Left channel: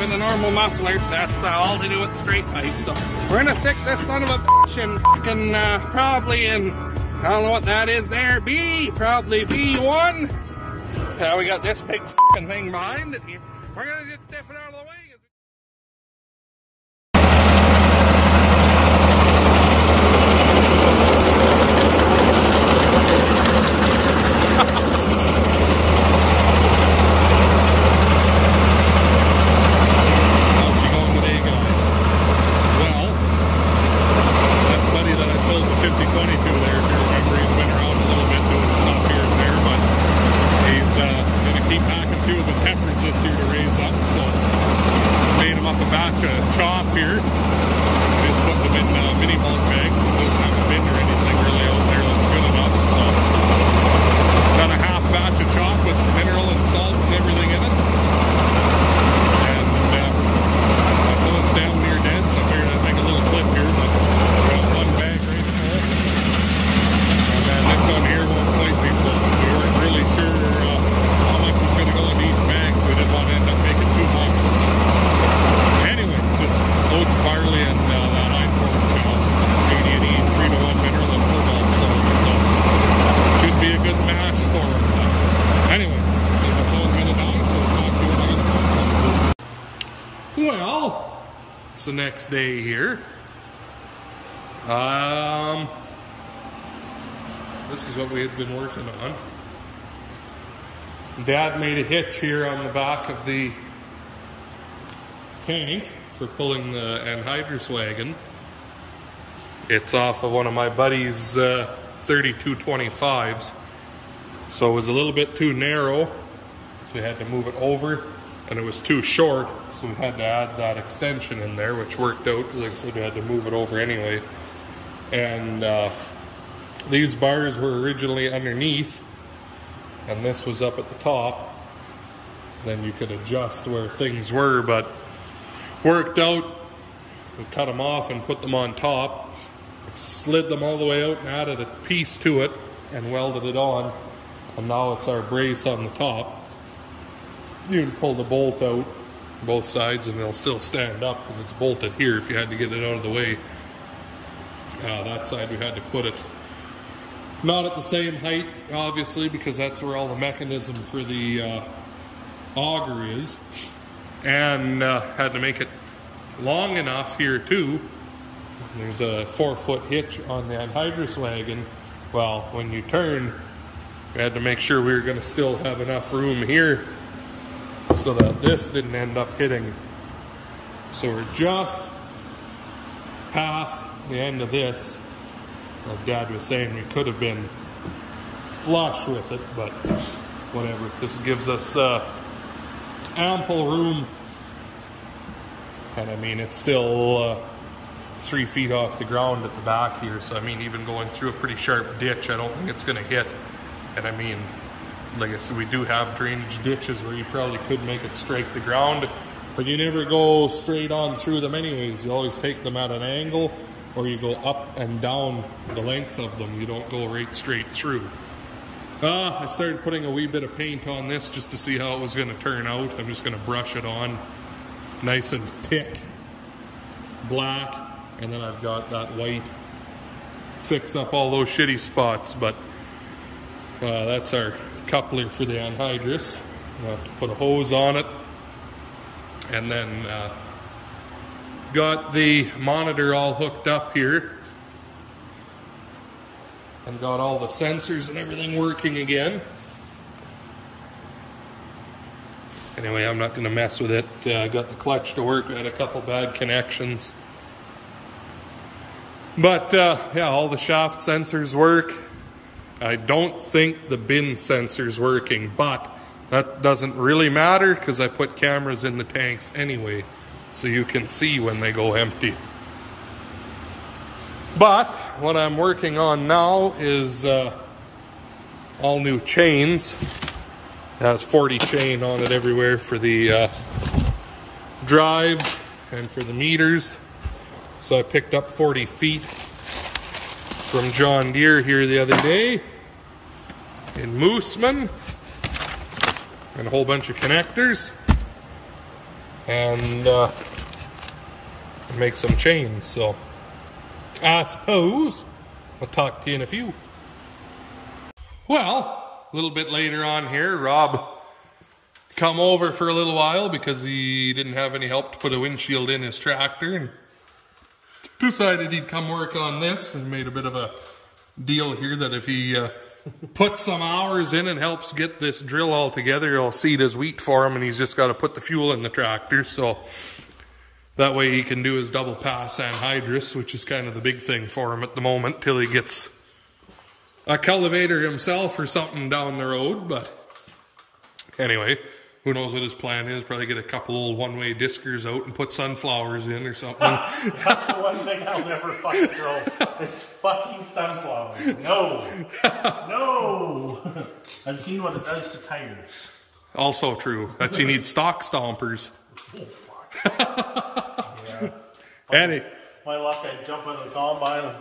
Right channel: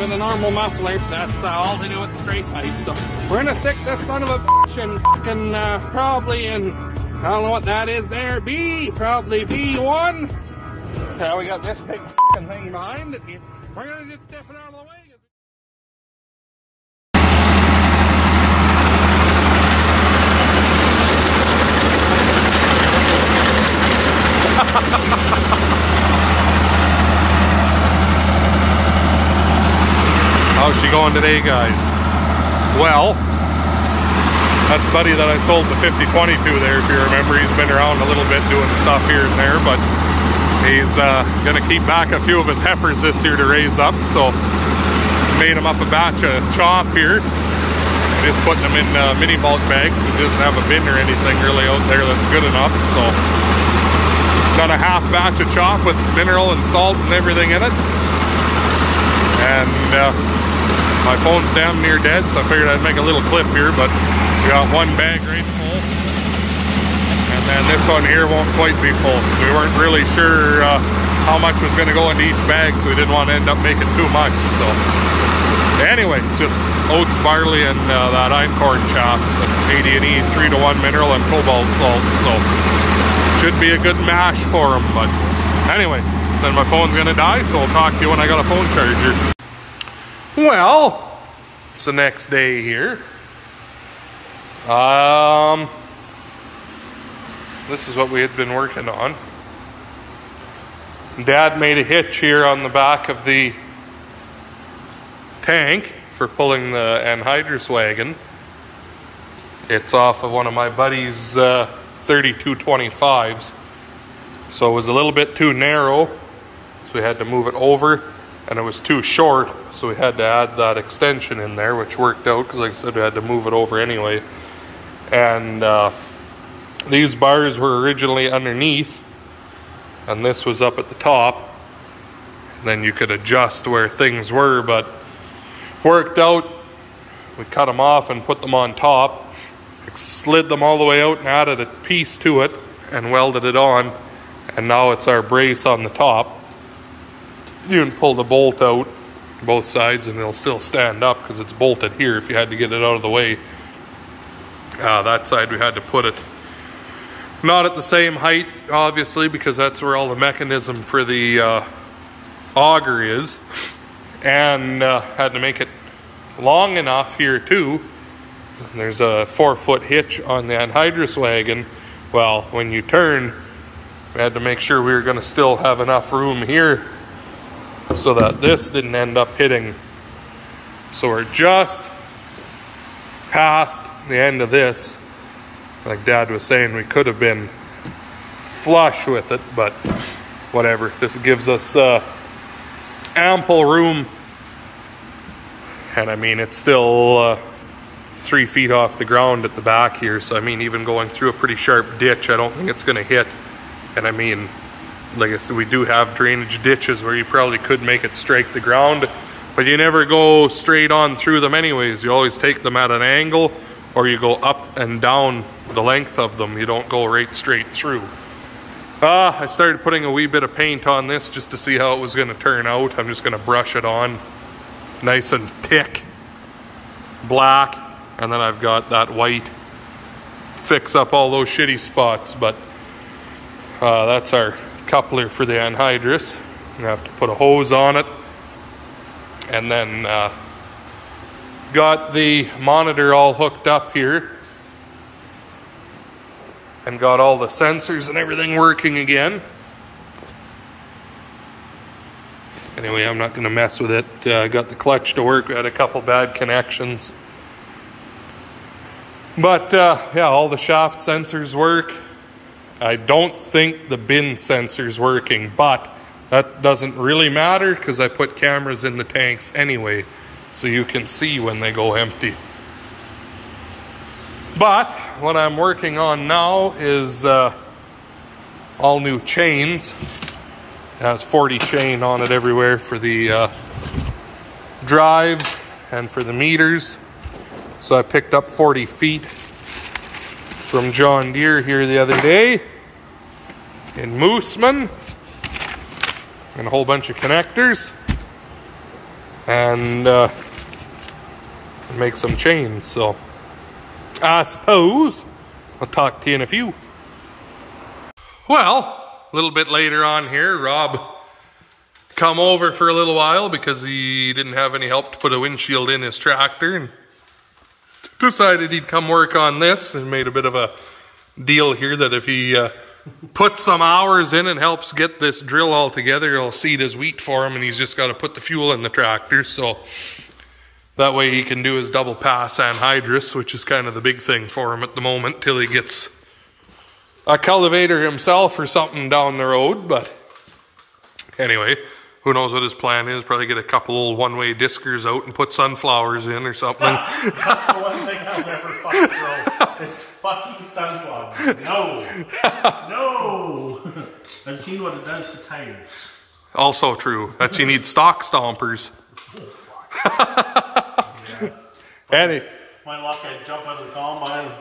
with a normal muffler. That's all to do with the straight pipe. So we're gonna stick this son of a bitch in fucking probably in, I don't know what that is there, probably B1. We got this big fucking thing behind it. We're gonna just step it out of the way. How's she going today, guys? Well, that's Buddy that I sold the 5020 to there, if you remember. He's been around a little bit doing stuff here and there, but he's gonna keep back a few of his heifers this year to raise up, so made him up a batch of chop here. Just putting them in mini bulk bags. He doesn't have a bin or anything really out there that's good enough, so done a half batch of chop with mineral and salt and everything in it. And my phone's damn near dead, so I figured I'd make a little clip here, but we got one bag right full. And then this one here won't quite be full. We weren't really sure how much was going to go into each bag, so we didn't want to end up making too much. So anyway, just oats, barley, and that einkorn chaff, the 80 and E, 3-to-1 mineral and cobalt salt. So should be a good mash for them. But anyway, then my phone's going to die, so I'll talk to you when I got a phone charger. Well, it's the next day here. This is what we had been working on. Dad made a hitch here on the back of the tank for pulling the Anhydrous wagon. It's off of one of my buddy's 3225s. So it was a little bit too narrow, so we had to move it over, and it was too short, so we had to add that extension in there, which worked out because, like I said, we had to move it over anyway. And these bars were originally underneath, and this was up at the top. And then you could adjust where things were, but worked out. We cut them off and put them on top, slid them all the way out and added a piece to it and welded it on. And now it's our brace on the top. You can pull the bolt out both sides and it'll still stand up because it's bolted here if you had to get it out of the way. That side we had to put it not at the same height, obviously, because that's where all the mechanism for the auger is. And had to make it long enough here too. There's a 4-foot hitch on the Anhydrous wagon. Well, when you turn, we had to make sure we were going to still have enough room here so that this didn't end up hitting. So we're just past the end of this. Like Dad was saying, we could have been flush with it, but whatever. This gives us ample room. And I mean, it's still 3 feet off the ground at the back here. So I mean, even going through a pretty sharp ditch, I don't think it's going to hit. And I mean, like I said, we do have drainage ditches where you probably could make it strike the ground, but you never go straight on through them anyways. You always take them at an angle, or you go up and down the length of them. You don't go right straight through. I started putting a wee bit of paint on this just to see how it was going to turn out. I'm just going to brush it on nice and thick, black, and then I've got that white, fix up all those shitty spots. But that's our coupler for the Anhydrous. I have to put a hose on it, and then got the monitor all hooked up here and got all the sensors and everything working again. Anyway, I'm not going to mess with it. I got the clutch to work. We had a couple bad connections, but yeah, all the shaft sensors work. I don't think the bin sensor's working, but that doesn't really matter because I put cameras in the tanks anyway, so you can see when they go empty. But what I'm working on now is all new chains. It has 40 chain on it everywhere for the drives and for the meters. So I picked up 40 feet from John Deere here the other day in Mooseman, and a whole bunch of connectors. and make some chains. So I suppose I'll talk to you in a few. Well, a little bit later on here, Rob come over for a little while because he didn't have any help to put a windshield in his tractor, and decided he'd come work on this, and made a bit of a deal here that if he puts some hours in and helps get this drill all together, he'll seed his wheat for him, and he's just got to put the fuel in the tractor. So that way he can do his double pass anhydrous, which is kind of the big thing for him at the moment, till he gets a cultivator himself or something down the road. But anyway, who knows what his plan is? Probably get a couple old one-way diskers out and put sunflowers in or something. That's the one thing I'll never fucking grow. Is fucking sunflowers. No. No. I've seen what it does to tires. Also true. That you need stock stompers. Yeah. My luck, I'd jump out of the combine and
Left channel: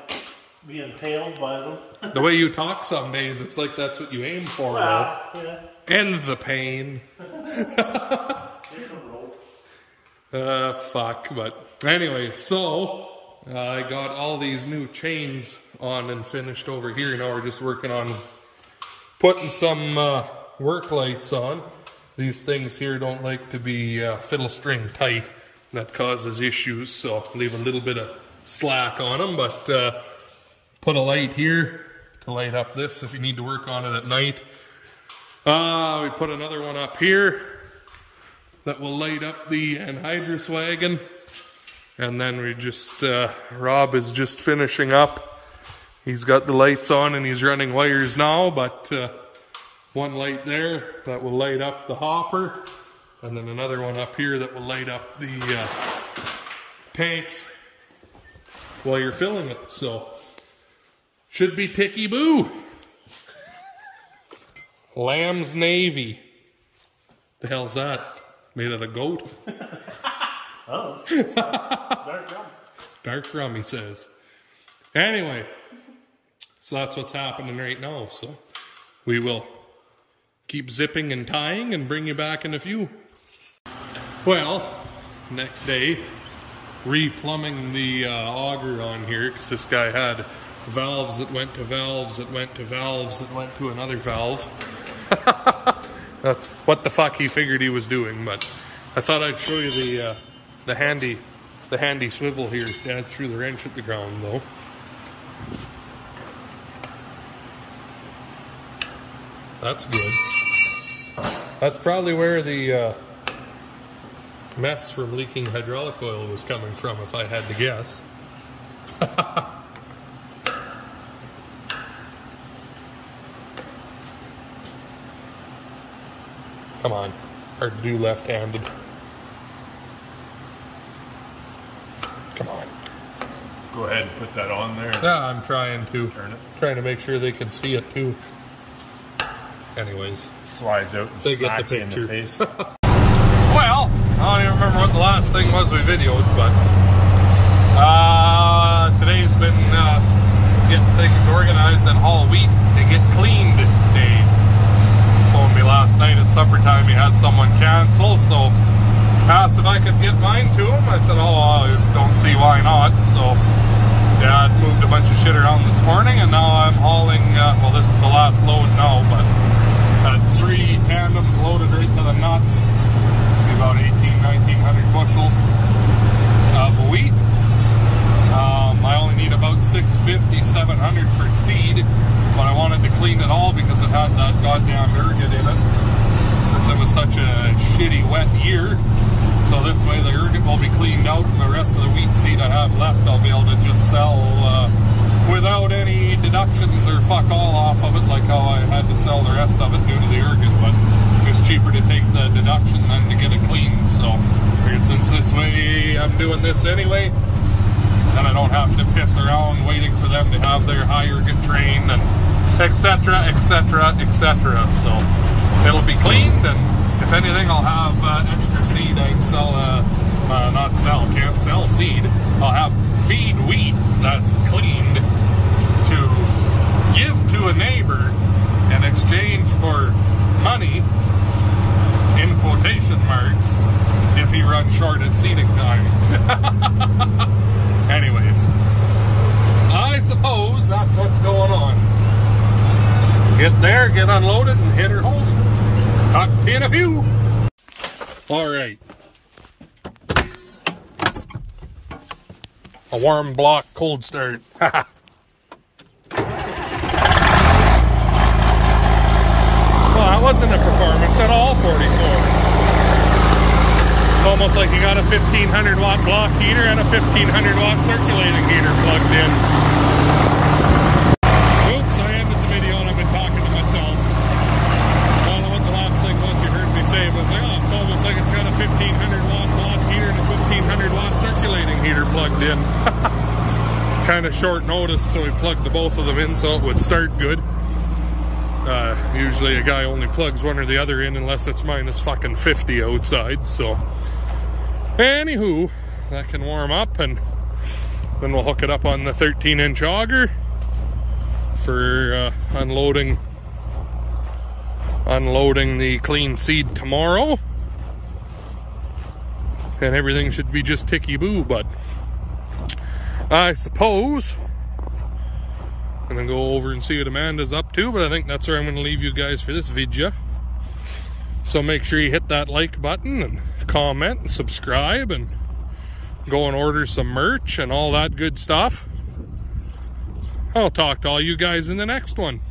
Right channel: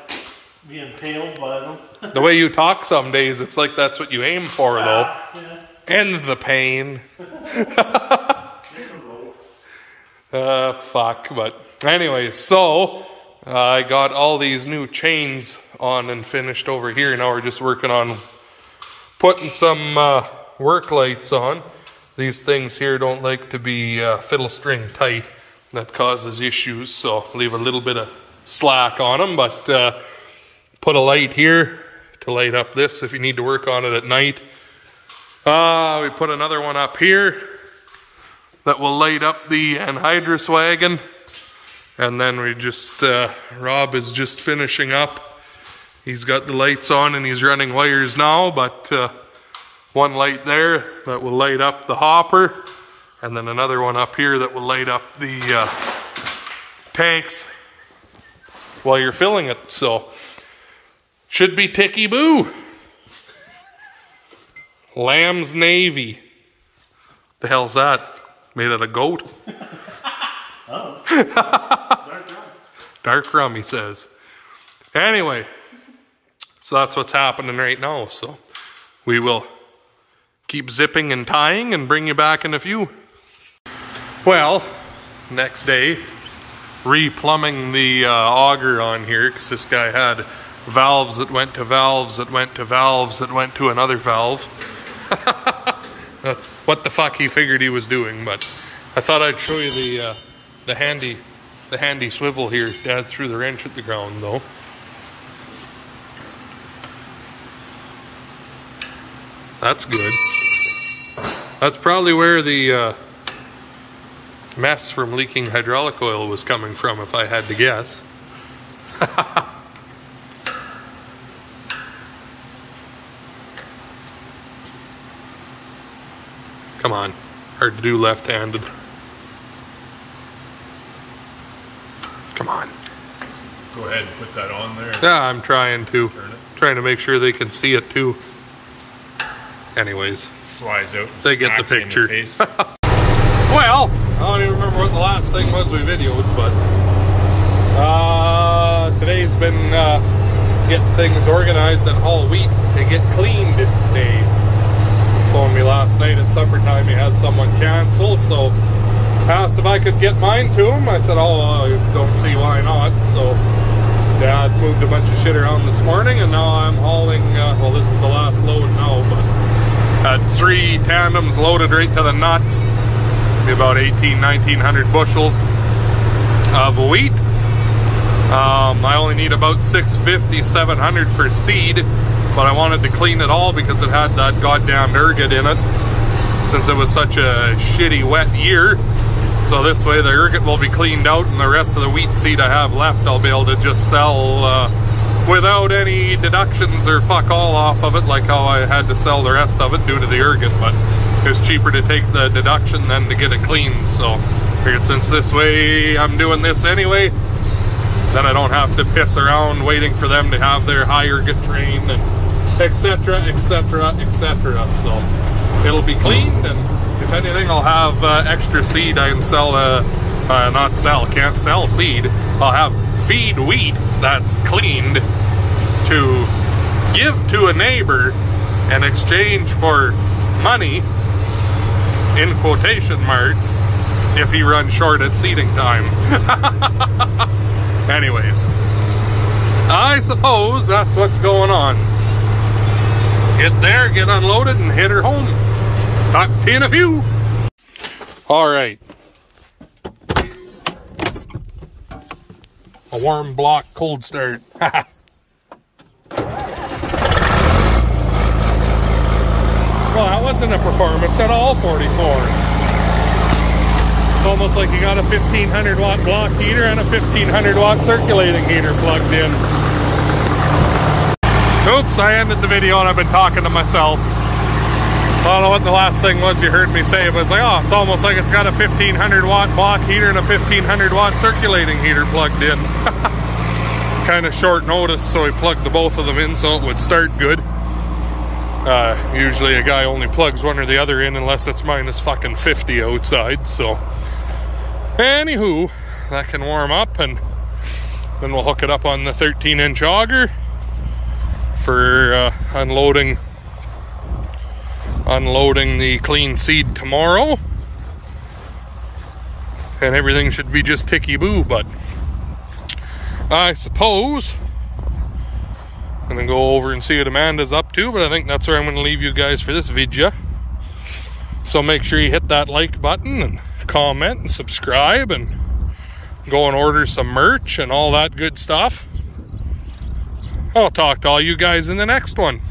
be impaled by them. The way you talk some days, it's like that's what you aim for, though. Yeah. End the pain. Fuck. But anyway, so I got all these new chains on and finished over here. Now we're just working on putting some work lights on. These things here don't like to be fiddle string tight. That causes issues, so leave a little bit of slack on them. But put a light here to light up this if you need to work on it at night. We put another one up here that will light up the Anhydrous wagon. And then we just, Rob is just finishing up. He's got the lights on and he's running wires now, but one light there that will light up the hopper. And then another one up here that will light up the tanks while you're filling it. So, should be ticky-boo. Lamb's Navy. The hell's that? Made out of goat? Oh. Dark rum. Dark rum, he says. Anyway, so that's what's happening right now. So we will keep zipping and tying and bring you back in a few. Well, next day, replumbing the auger on here, because this guy had valves that went to valves that went to valves that went to another valve. That's what the fuck he figured he was doing, but I thought I'd show you the handy swivel here. Dad threw the wrench at the ground though. That's good. That's probably where the mess from leaking hydraulic oil was coming from, if I had to guess. Come on, hard to do left-handed. Come on. Go ahead and put that on there. Yeah, I'm trying to make sure they can see it too. Anyways, flies out and they get the picture. In the face. Well, I don't even remember what the last thing was we videoed, but today's been getting things organized and haul wheat to get cleaned day. Phoned me last night at supper time. He had someone cancel, so asked if I could get mine to him. I said, oh, I don't see why not. So Dad moved a bunch of shit around this morning, and now I'm hauling, well, this is the last load now, but had 3 tandems loaded right to the nuts. Be about 1900 bushels of wheat. I only need about 650, 700 for seed, but I wanted to clean it all because it had that goddamn ergot in it, since it was such a shitty wet year. So this way the ergot will be cleaned out, and the rest of the wheat seed I have left I'll be able to just sell without any deductions or fuck all off of it, like how I had to sell the rest of it due to the ergot. But it's cheaper to take the deduction than to get it cleaned. So figured since this way I'm doing this anyway, then I don't have to piss around waiting for them to have their high ergot trained and etc, etc, etc. So it'll be cleaned, and if anything I'll have extra seed I can sell, can't sell seed. I'll have feed wheat that's cleaned to give to a neighbor in exchange for money, in quotation marks, if he runs short at seating time. Anyways, I suppose that's what's going on. Get there, get unloaded, and hit her home. Talk to you in a few. All right. A warm block cold start. Well, that wasn't a performance at all, 44. It's almost like you got a 1500 watt block heater and a 1500 watt circulating heater plugged in. Oops, I ended the video and I've been talking to myself. I don't know what the last thing was you heard me say, but it's like, oh, it's almost like it's got a 1500 watt block heater and a 1500 watt circulating heater plugged in. Kind of short notice, so we plugged the both of them in so it would start good. Usually a guy only plugs one or the other in unless it's minus fucking 50 outside, so. Anywho, that can warm up and then we'll hook it up on the 13-inch auger for unloading the clean seed tomorrow, and everything should be just ticky-boo. But I suppose I'm gonna go over and see what Amanda's up to, but I think that's where I'm gonna leave you guys for this video. So make sure you hit that like button and comment and subscribe and go and order some merch and all that good stuff. I'll talk to all you guys in the next one.